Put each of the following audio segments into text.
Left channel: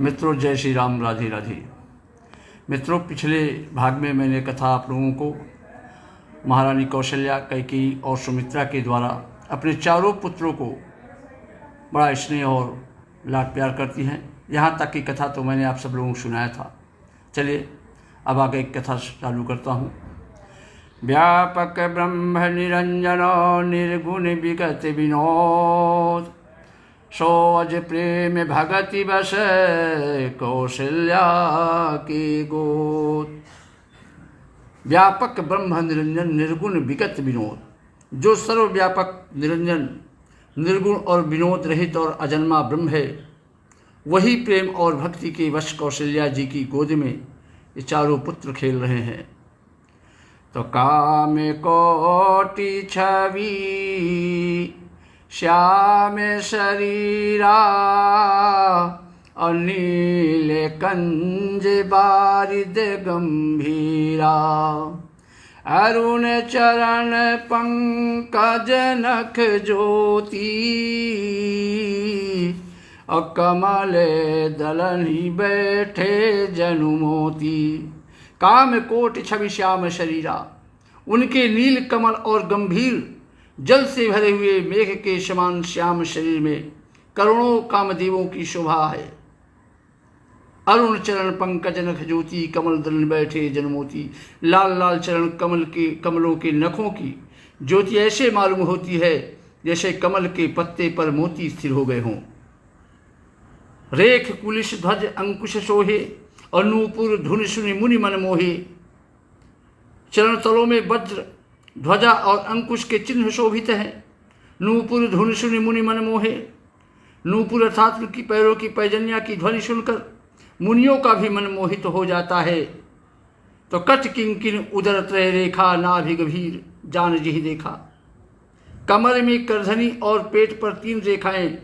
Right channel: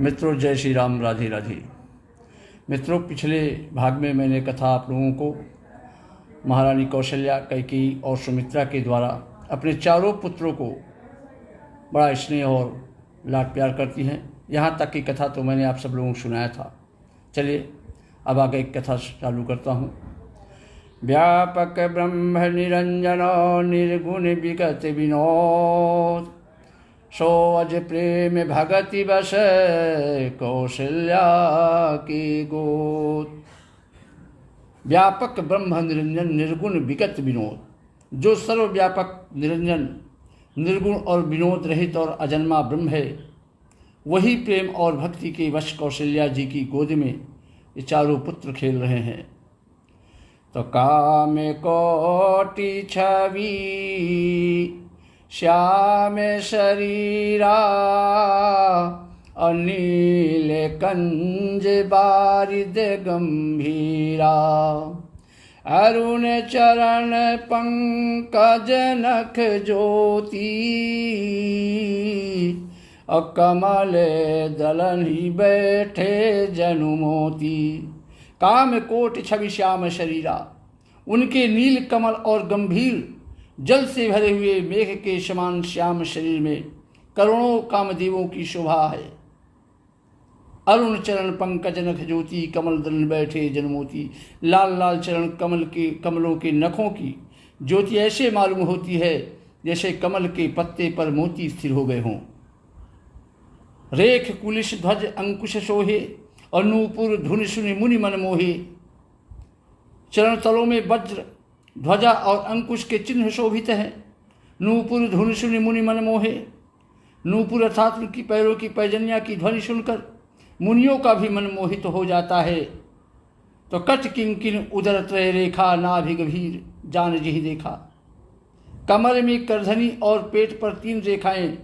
मित्रों, जय श्री राम, राधे राधे। मित्रों, पिछले भाग में मैंने कथा आप लोगों को महारानी कौशल्या, कैकेयी और सुमित्रा के द्वारा अपने चारों पुत्रों को बड़ा स्नेह और लाड प्यार करती हैं, यहाँ तक की कथा तो मैंने आप सब लोगों को सुनाया था। चलिए अब आगे एक कथा चालू करता हूँ। व्यापक ब्रह्म निरंजन निर्गुण विगत विनोद, सो अज प्रेम भगति बस कौशल्या की गोद। व्यापक ब्रह्म निरंजन निर्गुण विगत विनोद, जो सर्वव्यापक निरंजन निर्गुण और विनोद रहित और अजन्मा ब्रह्म है, वही प्रेम और भक्ति के वश कौशल्या जी की गोद में ये चारों पुत्र खेल रहे हैं। तो काम कोटि छवि श्याम शरीरा, अनील कंज बारिद गंभीरा, अरुण चरण पंकज नख ज्योति, और कमल दलनी बैठे जनुमोती। काम कोटि छवि श्याम शरीरा, उनके नील कमल और गंभीर जल से भरे हुए मेघ के समान श्याम शरीर में करोड़ों कामदेवों की शोभा है। अरुण चरण पंकज नख ज्योति, कमल दल बैठे जन्मोती। लाल लाल चरण कमलों के नखों की ज्योति ऐसे मालूम होती है जैसे कमल के पत्ते पर मोती स्थिर हो गए हों। रेख कुलिश ध्वज अंकुश सोहे, और नूपुर धुन सुनि मुनि मन मोहे। चरण तलों में वज्र ध्वजा और अंकुश के चिन्ह शोभित हैं। नूपुर धुन सुनि मुनि मन मोहे, नूपुर अर्थात उनकी पैरों की पैजनिया की ध्वनि सुनकर मुनियों का भी मन मोहित हो जाता है। तो कट किंकिन उदर त्रय रेखा, नाभि गभीर जान जिहि देखा। कमर में करधनी और पेट पर 3 रेखाएं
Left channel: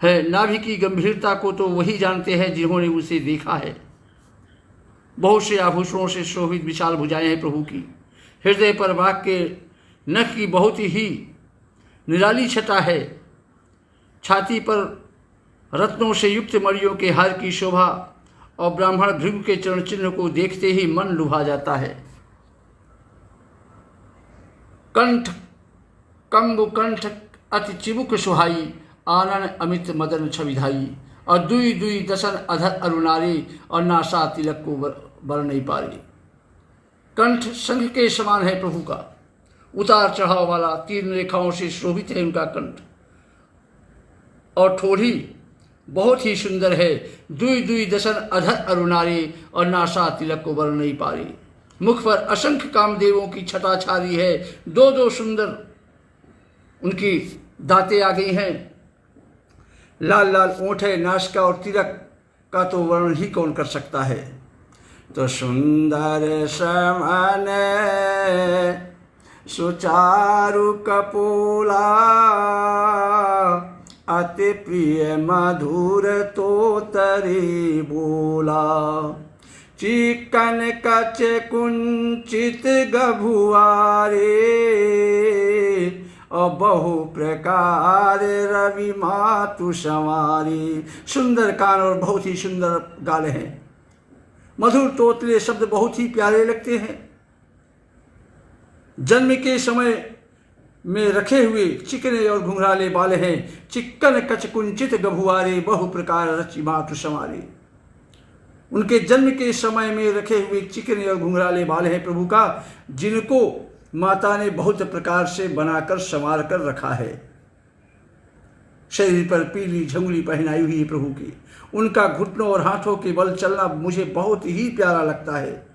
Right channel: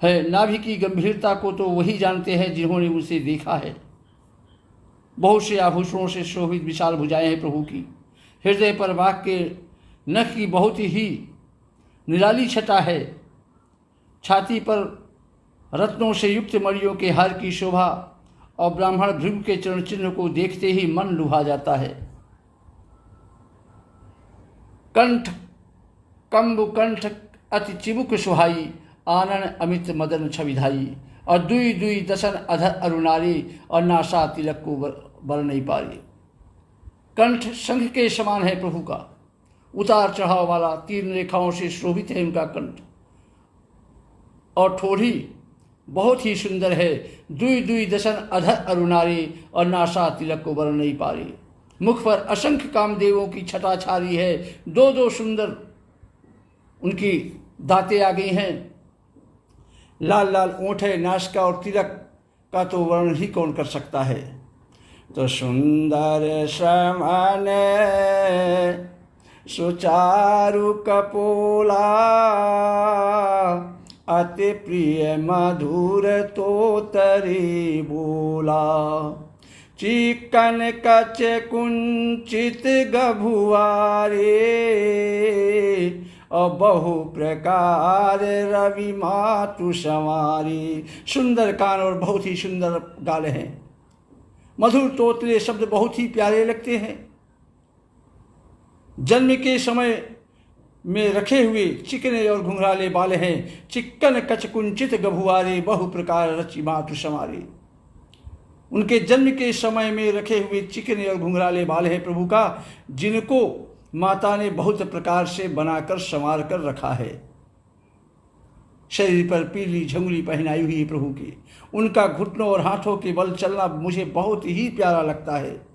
है। नाभि की गंभीरता को तो वही जानते हैं जिन्होंने उसे देखा है। बहुत से आभूषणों से शोभित विशाल भुजाएं हैं प्रभु की। हृदय पर बाघ के नख की बहुत ही निराली छटा है। छाती पर रत्नों से युक्त मणियों के हार की शोभा, और ब्राह्मण भृगु के चरण चिन्ह को देखते ही मन लुभा जाता है। कंठ कंबु कंठ अति चिबुक सुहाई, आनन अमित मदन छविधाई। और दुई दुई दशन अधर अरुणारी, और नासा तिलक को बर नहीं पारी। कंठ शंख के समान है प्रभु का, उतार चढ़ाव वाला 3 रेखाओं से शोभित है उनका कंठ। और ठोड़ी बहुत ही सुंदर है। दुई दुई दशन अधर अरुणारी, और नासा तिलक को बर नहीं पारी। मुख पर असंख्य कामदेवों की छटा छारी है। 2-2 सुंदर उनकी दांतें आ गई हैं। लाल लाल ओंठ है। नासिका और तिलक का तो वर्णन ही कौन कर सकता है। तो सुंदर समन सुचारु कपोला, अति प्रिय मधुर तो तरी बोला। चिकन कच कुंचित गभुआरे, और बहु प्रकार रवि मातु संवारी। सुंदर कान और बहुत ही सुंदर गाल हैं। मधुर तोतले शब्द बहुत ही प्यारे लगते हैं। जन्म के समय में रखे हुए चिकने और घुंघराले बाल हैं। चिक्कन कच कुंचित गभुआरे, बहु प्रकार रचि मातु संवारी। उनके जन्म के समय में रखे हुए चिकने और घुंघराले बाल हैं प्रभु का, जिनको माता ने बहुत प्रकार से बनाकर संवार कर रखा है। शरीर पर पीली झंगुली पहनाई हुई प्रभु की। उनका घुटनों और हाथों के बल चलना मुझे बहुत ही प्यारा लगता है।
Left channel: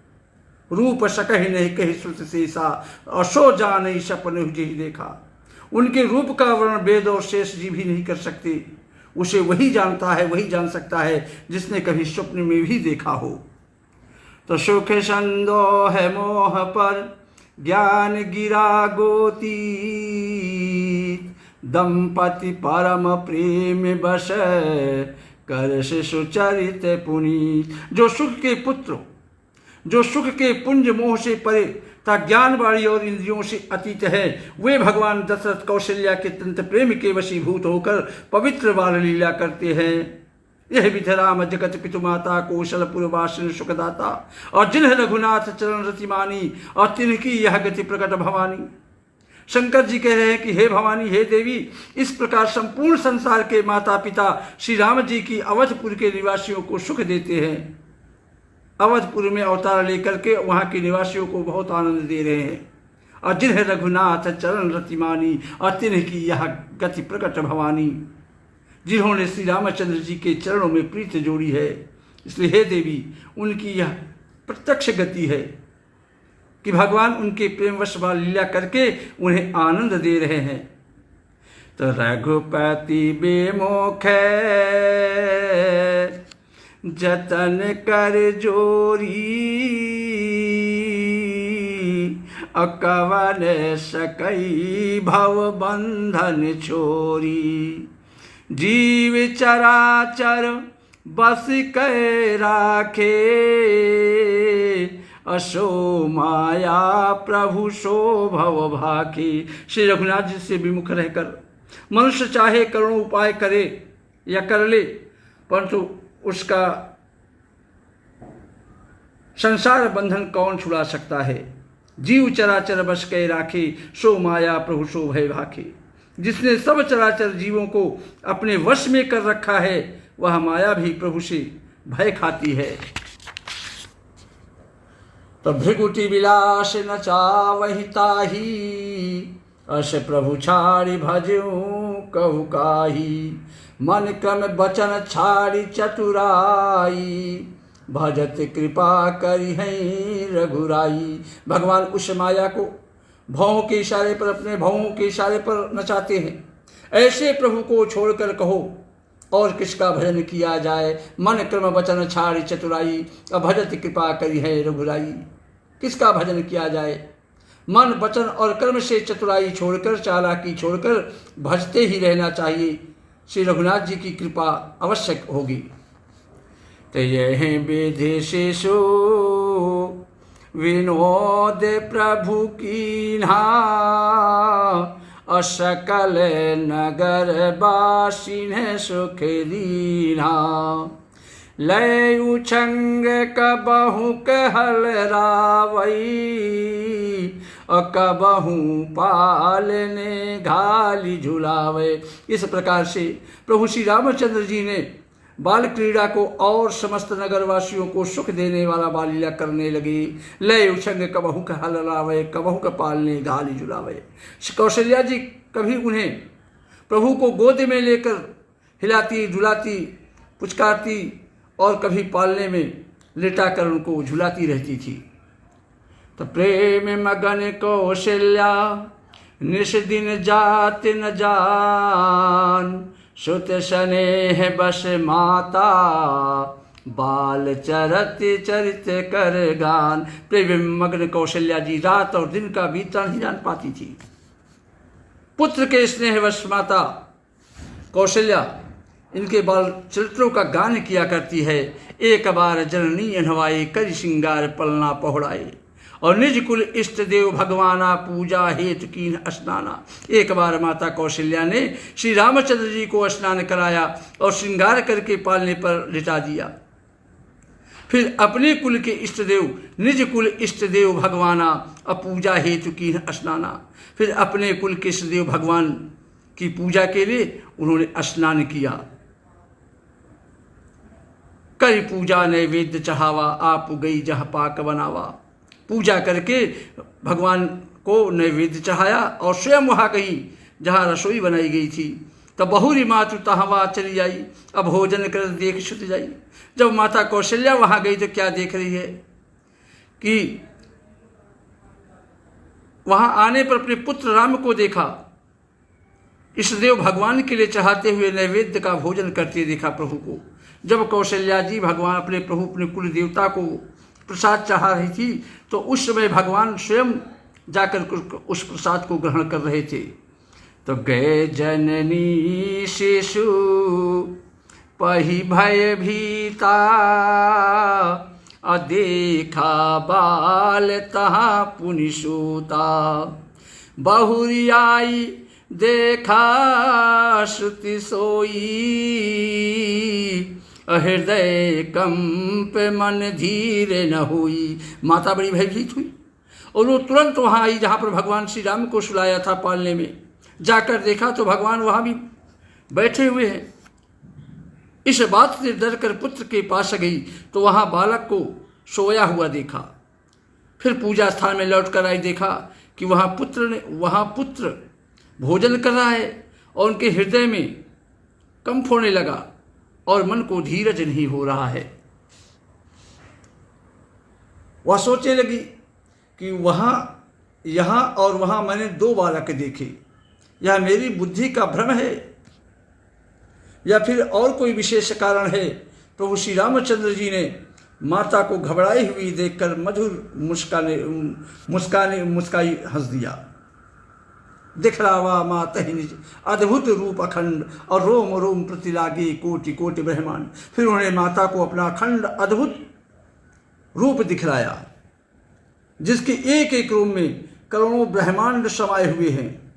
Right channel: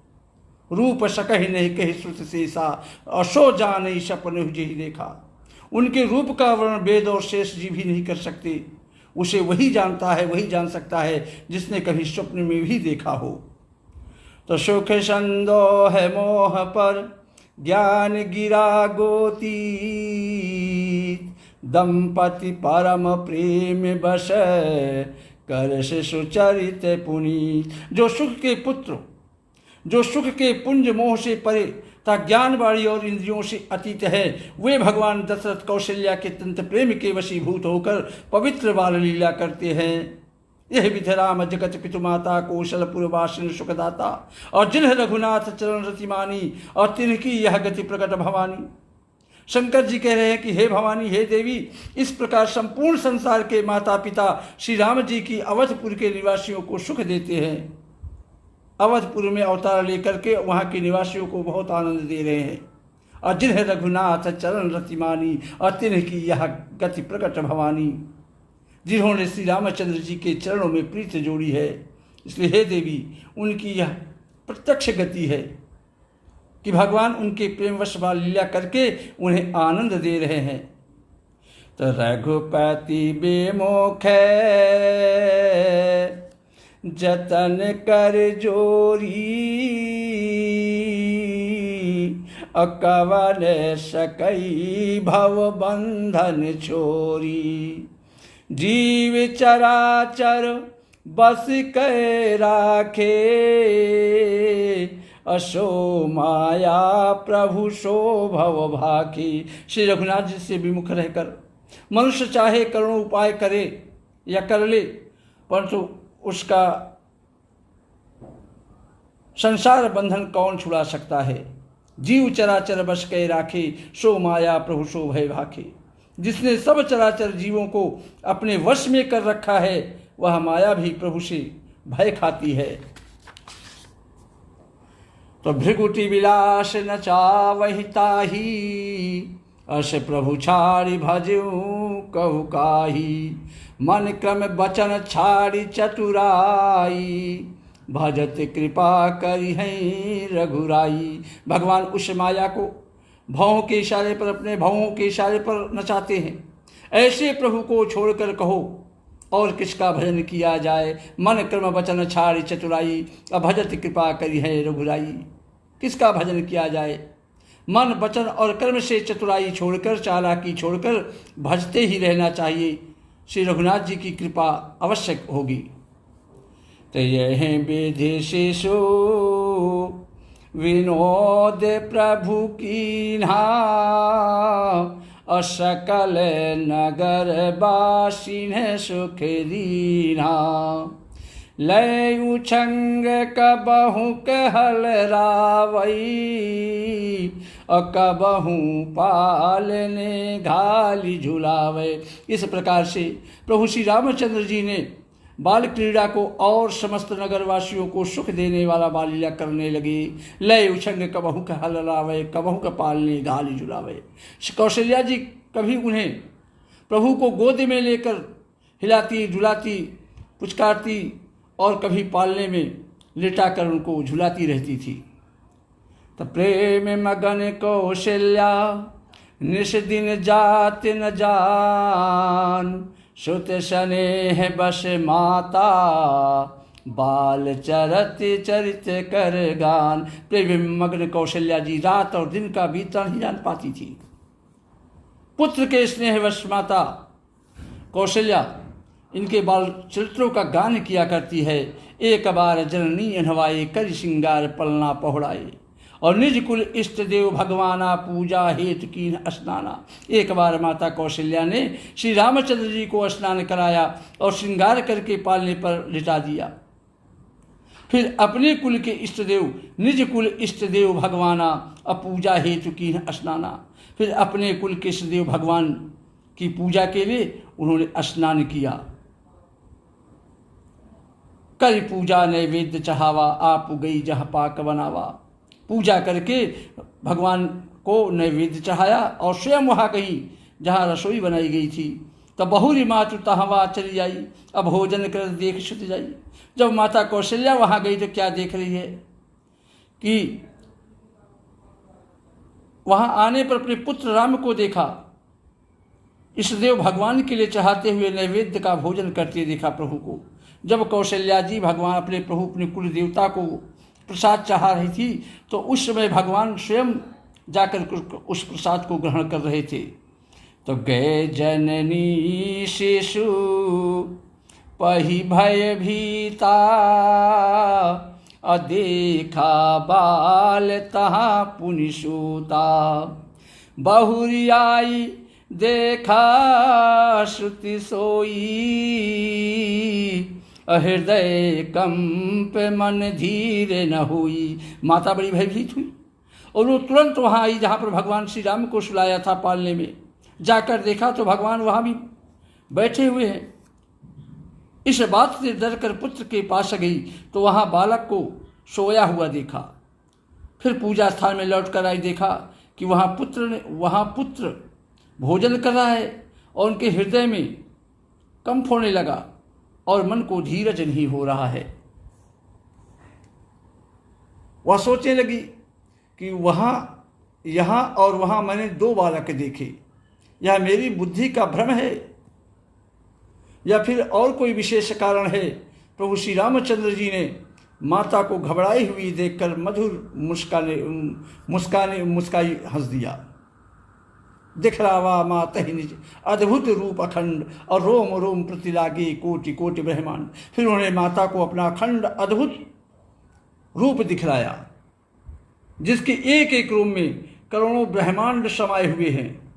रूप सकहि नहीं कहि श्रुत शेषा, असो जान सपन जी देखा। उनके रूप का वर्णन वेद और शेष जी भी नहीं कर सकते। उसे वही जानता है, वही जान सकता है जिसने कभी स्वप्न में भी देखा हो। तो सुख संदोह मोह पर ज्ञान गिरा गोती, दंपति परम प्रेम बस कर सुचरित पुनीत। जो सुख के पुंज मोह से परे तथा ज्ञानवाणी और इंद्रियों से अतीत है, वे भगवान दशरथ कौशल्या के तंत्र प्रेम के वशीभूत होकर पवित्र बाल लीला करते हैं। यह विधि राम जगत पितु माता कौशलपुरवासिन सुखदाता, और जिन्हें रघुनाथ चरण रतिमानी, और तिनकी यह गति प्रकट भवानी। शंकर जी कह रहे हैं कि हे भवानी, हे देवी, इस प्रकार संपूर्ण संसार के माता पिता श्री राम जी की अवधपुर के निवासियों को सुख देते हैं। अवधपुर में अवतार लेकर के वहाँ के निवासियों को बहुत आनंद दे रहे हैं। और जिन्हें रघुनाथ चरण रतिमानी, और तिन्ही यह गति प्रकट भवानी, जिन्होंने श्री रामचंद्र जी के चरणों में प्रीत जोड़ी है। इसलिए हे देवी, उनकी यह प्रत्यक्ष गति है कि भगवान उनके प्रेमवश लीला करके उन्हें आनंद दे रहे हैं। तो रघुपति बेमुख जतन कर जोरी, अकवन सकई भव बंधन छोरी। जीव चराचर बस कै राखे, असो माया प्रभु सो भव भाखे। श्री रघुनाथ जी से विमुख रहकर मनुष्य चाहे करोड़ों उपाय करे या कर ले, परंतु उसका संसार बंधन कौन छुड़ा सकता है। जीव चराचर बस कै राखे, सो माया प्रभु सो भय भाखे। जिसने सब चराचर जीवों को अपने वश में कर रखा है, वह माया भी प्रभु से भय खाती है। तो भृगुटी विलास न चावहि ताही, अस प्रभु छाड़ी भजऊं कहु काही। मन क्रम बचन छाड़ी चतुराई, भजत कृपा करी है रघुराई। भगवान उस माया को भौं के इशारे पर, अपने भौं के इशारे पर नचाते हैं। ऐसे प्रभु को छोड़कर कहो और किसका भजन किया जाए। मन क्रम वचन छाड़ी चतुराई, अभजत कृपा करी है रघुराई। किसका भजन किया जाए। मन वचन और कर्म से चतुराई छोड़कर, चालाकी छोड़कर भजते ही रहना चाहिए। श्री रघुनाथ जी की कृपा आवश्यक होगी। तो यह विधि शिशु विनोद प्रभु कीन्हा, असकल नगर बासिन सुख दीन्हा। लय उछंग कबहु कहल रावई, कबहु पालने घाली झुलावे। इस प्रकार से प्रभु श्री रामचंद्र जी ने बाल क्रीड़ा को और समस्त नगरवासियों को सुख देने वाला बाल लीला करने लगे। लय उछंग कबहु कहल रावय, कबहु का पालने घाली झुलावे। कौशल्या जी कभी उन्हें प्रभु को गोद में लेकर हिलाती झुलाती पुचकारती, और कभी पालने में लिटाकर उनको झुलाती रहती थी। तो प्रेम मगन कौशल्या निश दिन जात न जान, सुत स्नेह बस माता बाल चरत चरित कर गान। प्रेम मग्न कौशल्या जी रात और दिन का बीतना नहीं जान पाती थी। पुत्र के स्नेहवश माता कौशल्या इनके बाल चरित्रों का गान किया करती है। एक बार जननी अनवाए कर श्रृंगार पलना पहुड़ाए, और निज कुल इष्ट देव भगवाना पूजा हेतु कीन स्नाना। एक बार माता कौशल्या ने श्री रामचंद्र जी को स्नान कराया और श्रृंगार करके पालने पर लिटा दिया। फिर अपने कुल के इष्ट देव, निज कुल इष्ट देव भगवाना अपूजा हेतु कीन स्नाना। फिर अपने कुल के इष्ट देव भगवान की पूजा के लिए उन्होंने स्नान किया। करी पूजा नैवेद्य चढ़ावा, आप गई जहाँ पाक बनावा। पूजा करके भगवान को नैवेद्य चढ़ाया और स्वयं वहाँ गई जहाँ रसोई बनाई गई थी। तब बहुरी मातु तहवा चली आई, अब भोजन कर देख छुट जाई। जब माता कौशल्या वहाँ गई तो क्या देख रही है कि वहाँ आने पर अपने पुत्र राम को देखा, इष्टदेव भगवान के लिए चढ़ाते हुए नैवेद्य का भोजन करते देखा प्रभु को। जब कौशल्या जी भगवान अपने प्रभु अपने कुल देवता को प्रसाद चढ़ा रही थी, तो उस समय भगवान स्वयं जाकर उस प्रसाद को ग्रहण कर रहे थे। तो गए जननी शिशु पही भय भीता, अदेखा बाल तहाँ पुनि सूता। बहुरियाई देखा श्रुति सोई, हृदय कंप मन धीर न हुई। माता बड़ी भयभीत हुई और वो तुरंत वहाँ आई जहाँ पर भगवान श्री राम को सुलाया था पालने में। जाकर देखा तो भगवान वहाँ भी बैठे हुए हैं। इस बात से डर कर पुत्र के पास गई तो वहाँ बालक को सोया हुआ देखा। फिर पूजा स्थान में लौट कर आई, देखा कि वहाँ पुत्र भोजन कर रहा है और उनके हृदय में कंप होने लगा और मन को धीरज नहीं हो रहा है। वह सोचने लगी कि यहाँ और वहाँ मैंने दो बालक देखे, यह मेरी बुद्धि का भ्रम है या फिर और कोई विशेष कारण है। प्रभु श्री रामचंद्र जी ने माता को घबराई हुई देखकर मधुर मुस्काई हंस दिया। दिखलावा माता ही निज अद्भुत रूप अखंड और रोम रोम प्रति लागे कोटि कोटि ब्रह्मांड। फिर उन्होंने माता को अपना अखंड अद्भुत रूप दिखलाया, जिसके एक एक रूप में करोड़ों ब्रह्मांड समाये हुए हैं।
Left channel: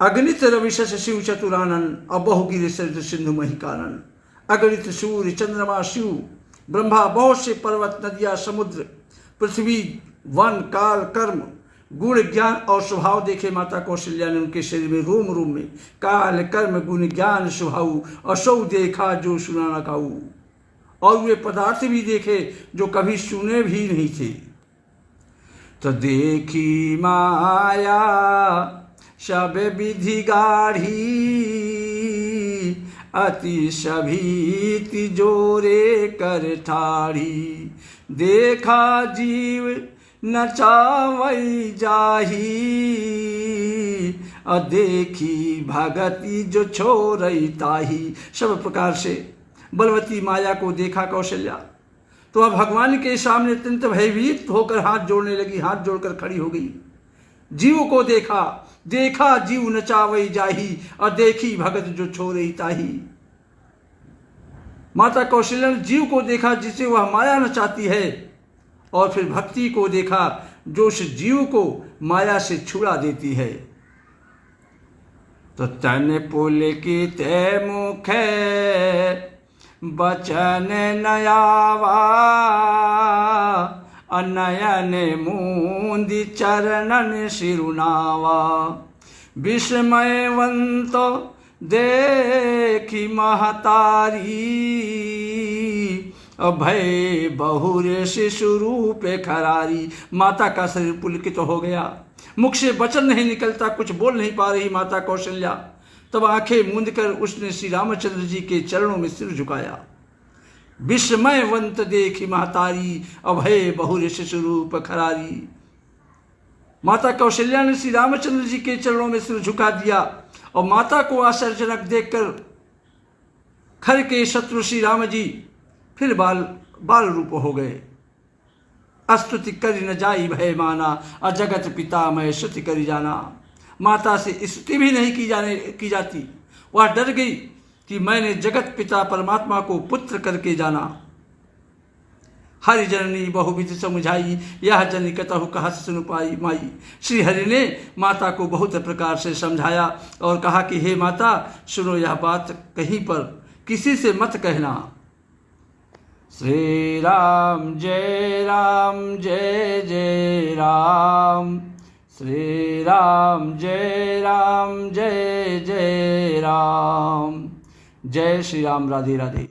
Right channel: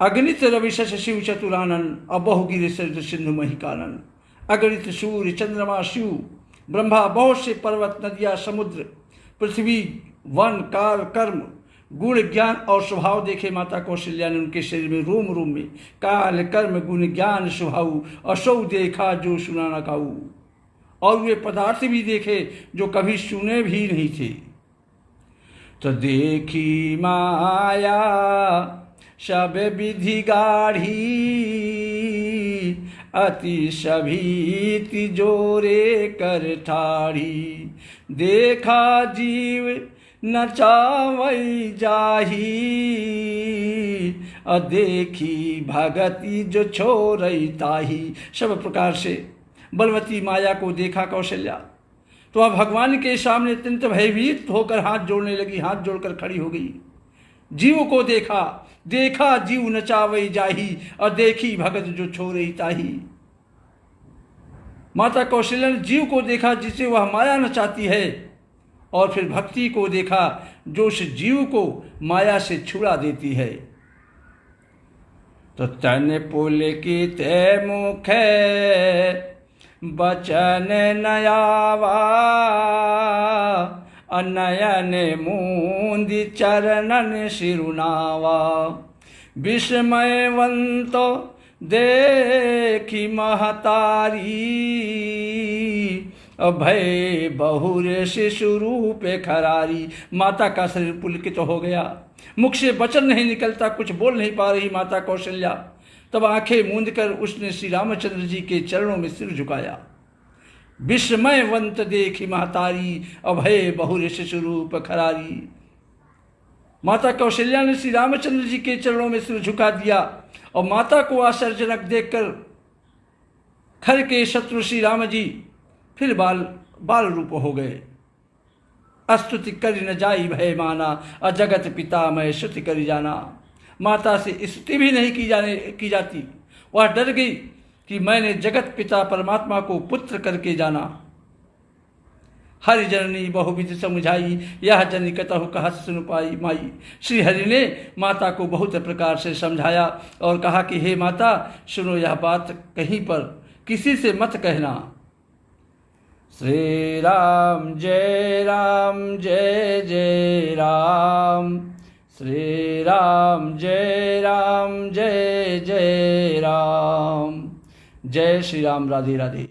अगणित रविशस शिव चतुरानन अबहुगिर सिंधु महिकानन। अगणित सूर्य चंद्रमा शिव ब्रह्मा, बहुत से पर्वत नदियाँ समुद्र पृथ्वी वन काल कर्म गुण ज्ञान और स्वभाव देखे माता कौशल्या ने उनके शरीर में रोम रोम में काल कर्म गुण ज्ञान स्वभाव असौ देखा जो सुना न काऊ। और वे पदार्थ भी देखे जो कभी सुने भी नहीं थे। तो देखी माया सब विधि गाढ़ी अति सभीति जोरे कर ठाढ़ी। देखा जीव नचावई जाही देखी भगति जो छोरई ताही। सब प्रकार से बलवती माया को देखा कौशल्या तो अब भगवान के सामने अत्यंत भयभीत होकर हाथ जोड़ने लगी, हाथ जोड़कर खड़ी हो गई। जीव को देखा जीव नचावई जाही और देखी भगत जो छोरई ताही। माता कौशल्या ने जीव को देखा जिसे वह माया नचाती है और फिर भक्ति को देखा जो उस जीव को माया से छुड़ा देती है। तो तन पुलकित मुख बचन नयावा अनयन मूंदि चरणन सिरुनावा। विस्मयवंत देखी महतारी अभय बहुर शिशु रूप खरारी। माता का शरीर पुलकित हो गया, मुख से वचन नहीं निकलता, कुछ बोल नहीं पा रही माता कौशल्या। तब आंखें मूंद कर उसने श्री रामचंद्र जी के चरणों में सिर झुकाया। विस्मयवंत देखी महतारी अभय बहुर शिशु रूप खरारी। माता कौशल्या ने श्री रामचंद्र जी के चरणों में सिर झुका दिया और माता को आश्चर्यजनक देखकर खर के शत्रु श्री राम जी फिर बाल रूप हो गए। अस्तुति करि न जाई भय माना अजगत पिता मैं स्तुति करि जाना। माता से स्तुति भी नहीं की जाती। वह डर गई कि मैंने जगत पिता परमात्मा को पुत्र करके जाना। हरि जननी बहुविध समझाई यह जन कतहु कहा सुन पाई माई। श्री हरि ने माता को बहुत प्रकार से समझाया और कहा कि हे माता सुनो, यह बात कहीं पर किसी से मत कहना। श्री राम जय जय राम। श्री राम जय जय राम। जय श्री राम। राधे राधे।